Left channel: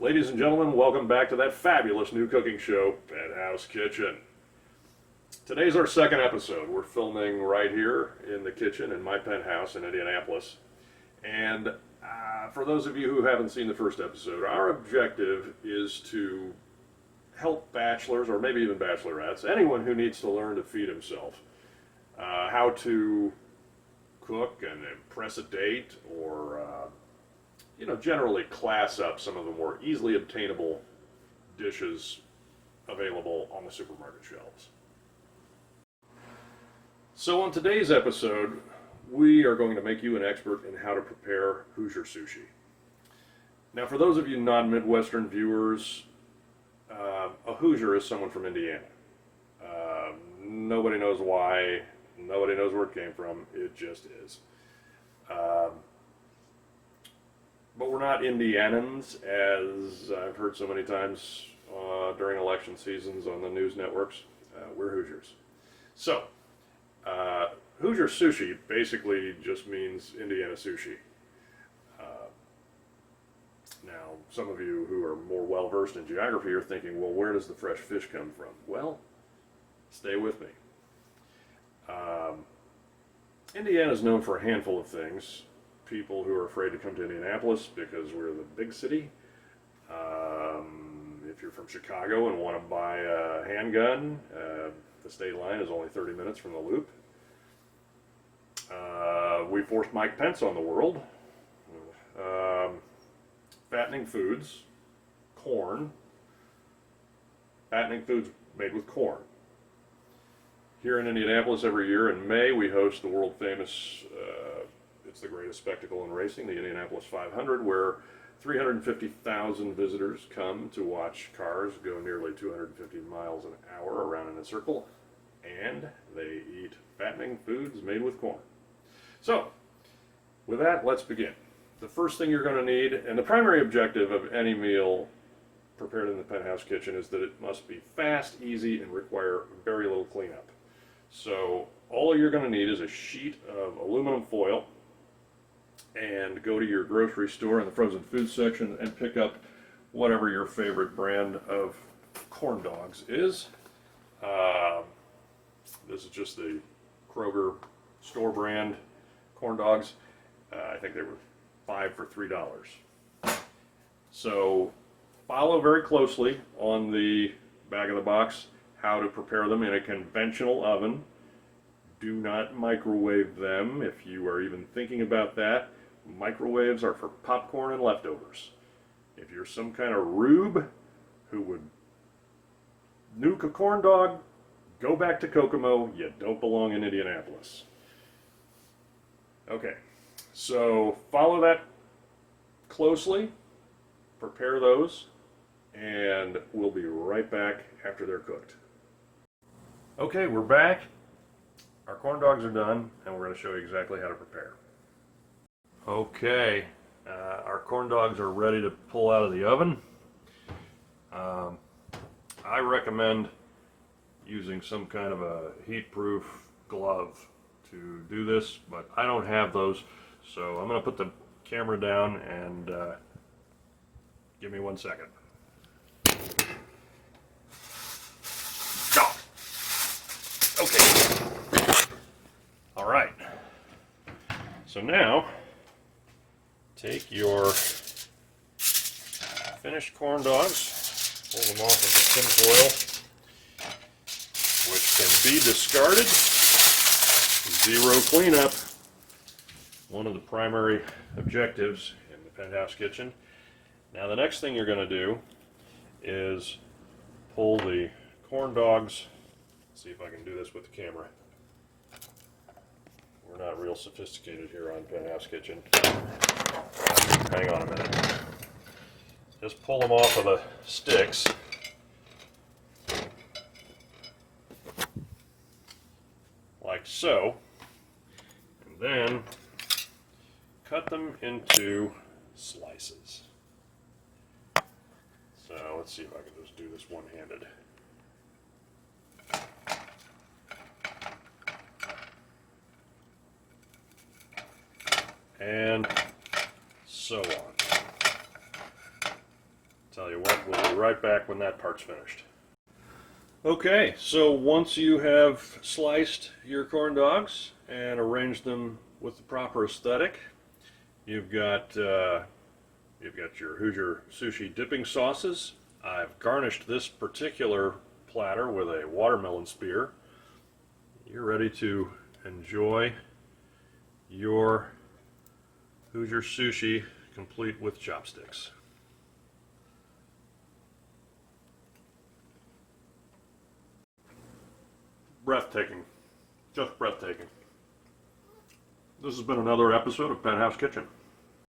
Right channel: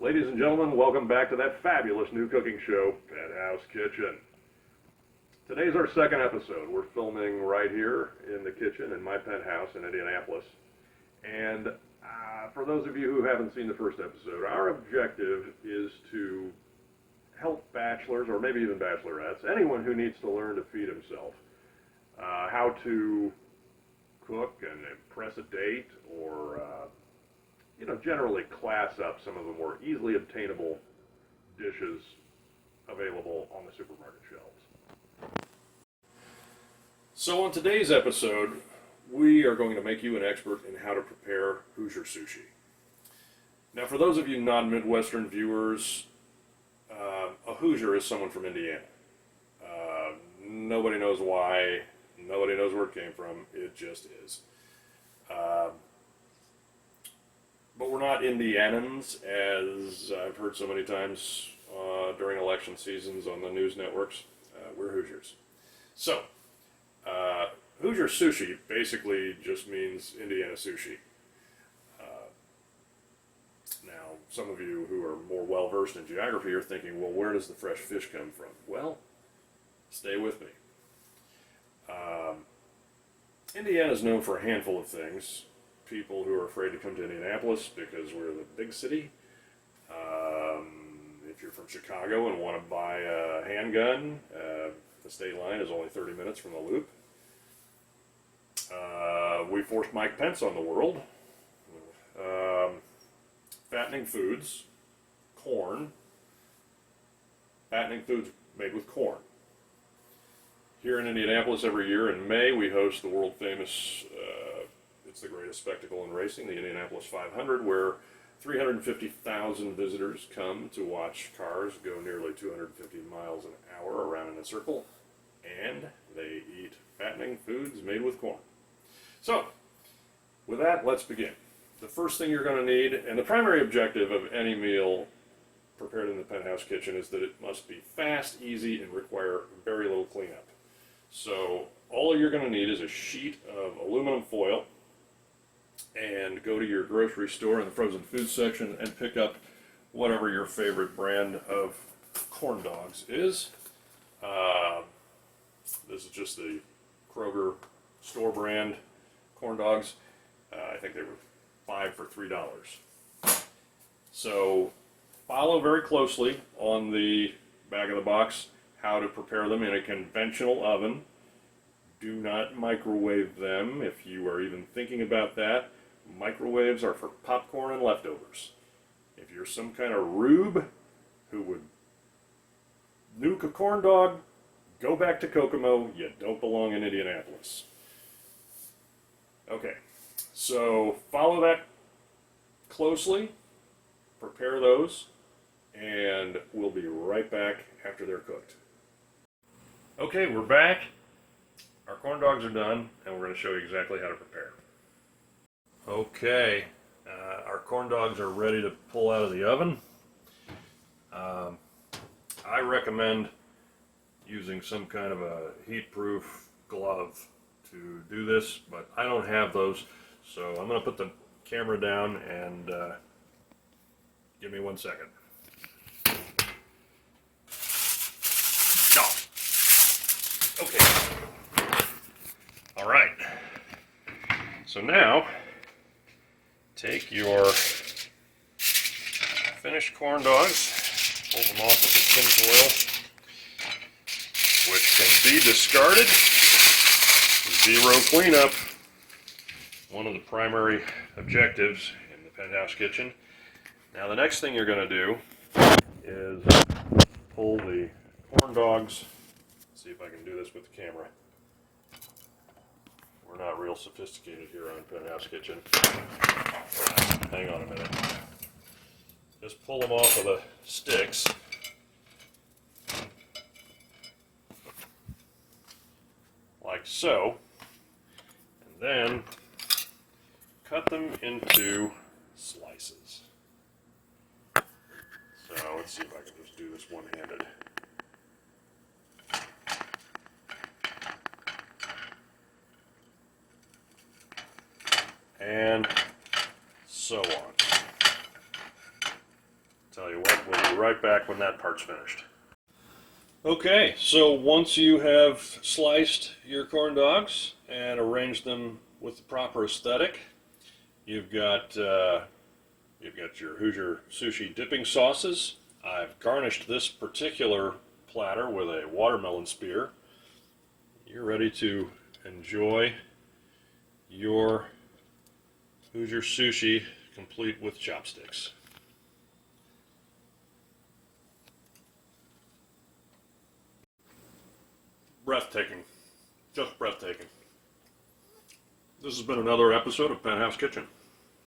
Ladies and gentlemen, welcome back to that fabulous new cooking show, Penthouse Kitchen. Today's our second episode. We're filming right here in the kitchen in my penthouse in Indianapolis. And for those of you who haven't seen the first episode, our objective is to help bachelors, or maybe even bachelorettes, anyone who needs to learn to feed himself, how to cook and impress a date, or generally class up some of the more easily obtainable dishes available on the supermarket shelves. So on today's episode, we are going to make you an expert in how to prepare Hoosier sushi. Now, for those of you non-Midwestern viewers, a Hoosier is someone from Indiana. Nobody knows why, nobody knows where it came from, it just is. But we're not Indianans, as I've heard so many times during election seasons on the news networks. We're Hoosiers. So, Hoosier sushi basically just means Indiana sushi. Now, some of you who are more well-versed in geography are thinking, well, where does the fresh fish come from? Well, stay with me. Indiana is known for a handful of things. People who are afraid to come to Indianapolis because we're the big city. If you're from Chicago and want to buy a handgun, the state line is only 30 minutes from the Loop. We forced Mike Pence on the world. Fattening foods, corn. Fattening foods made with corn. Here in Indianapolis every year in May we host the world famous it's the greatest spectacle in racing, the Indianapolis 500, where 350,000 visitors come to watch cars go nearly 250 miles an hour around in a circle, and they eat fattening foods made with corn. So, with that, let's begin. The first thing you're going to need, and the primary objective of any meal prepared in the Penthouse kitchen, is that it must be fast, easy, and require very little cleanup. So, all you're going to need is a sheet of aluminum foil, and go to your grocery store in the frozen food section and pick up whatever your favorite brand of corn dogs is. This is just the Kroger store brand corn dogs. I think they were 5 for $3. So follow very closely on the back of the box how to prepare them in a conventional oven. Do not microwave them if you are even thinking about that. Microwaves are for popcorn and leftovers. If you're some kind of rube who would nuke a corn dog, go back to Kokomo. You don't belong in Indianapolis. Okay, so follow that closely, prepare those, and we'll be right back after they're cooked. Okay, we're back. Our corn dogs are done, and we're going to show you exactly how to prepare. Okay, our corn dogs are ready to pull out of the oven. I recommend using some kind of a heat-proof glove to do this, but I don't have those, so I'm going to put the camera down and give me 1 second. Okay. All right. So now, take your finished corn dogs, pull them off of the tinfoil, which can be discarded. 0 cleanup. One of the primary objectives in the Penthouse kitchen. Now the next thing you're going to do is pull the corn dogs. Let's see if I can do this with the camera. We're not real sophisticated here on Penthouse Kitchen. Hang on a minute. Just pull them off of the sticks. Like so. And then cut them into slices. So let's see if I can just do this one-handed. And so on. Tell you what, we'll be right back when that part's finished. Okay, so once you have sliced your corn dogs and arranged them with the proper aesthetic, you've got your Hoosier sushi dipping sauces. I've garnished this particular platter with a watermelon spear. You're ready to enjoy your Hoosier sushi complete with chopsticks. Breathtaking. Just breathtaking. This has been another episode of Penthouse Kitchen.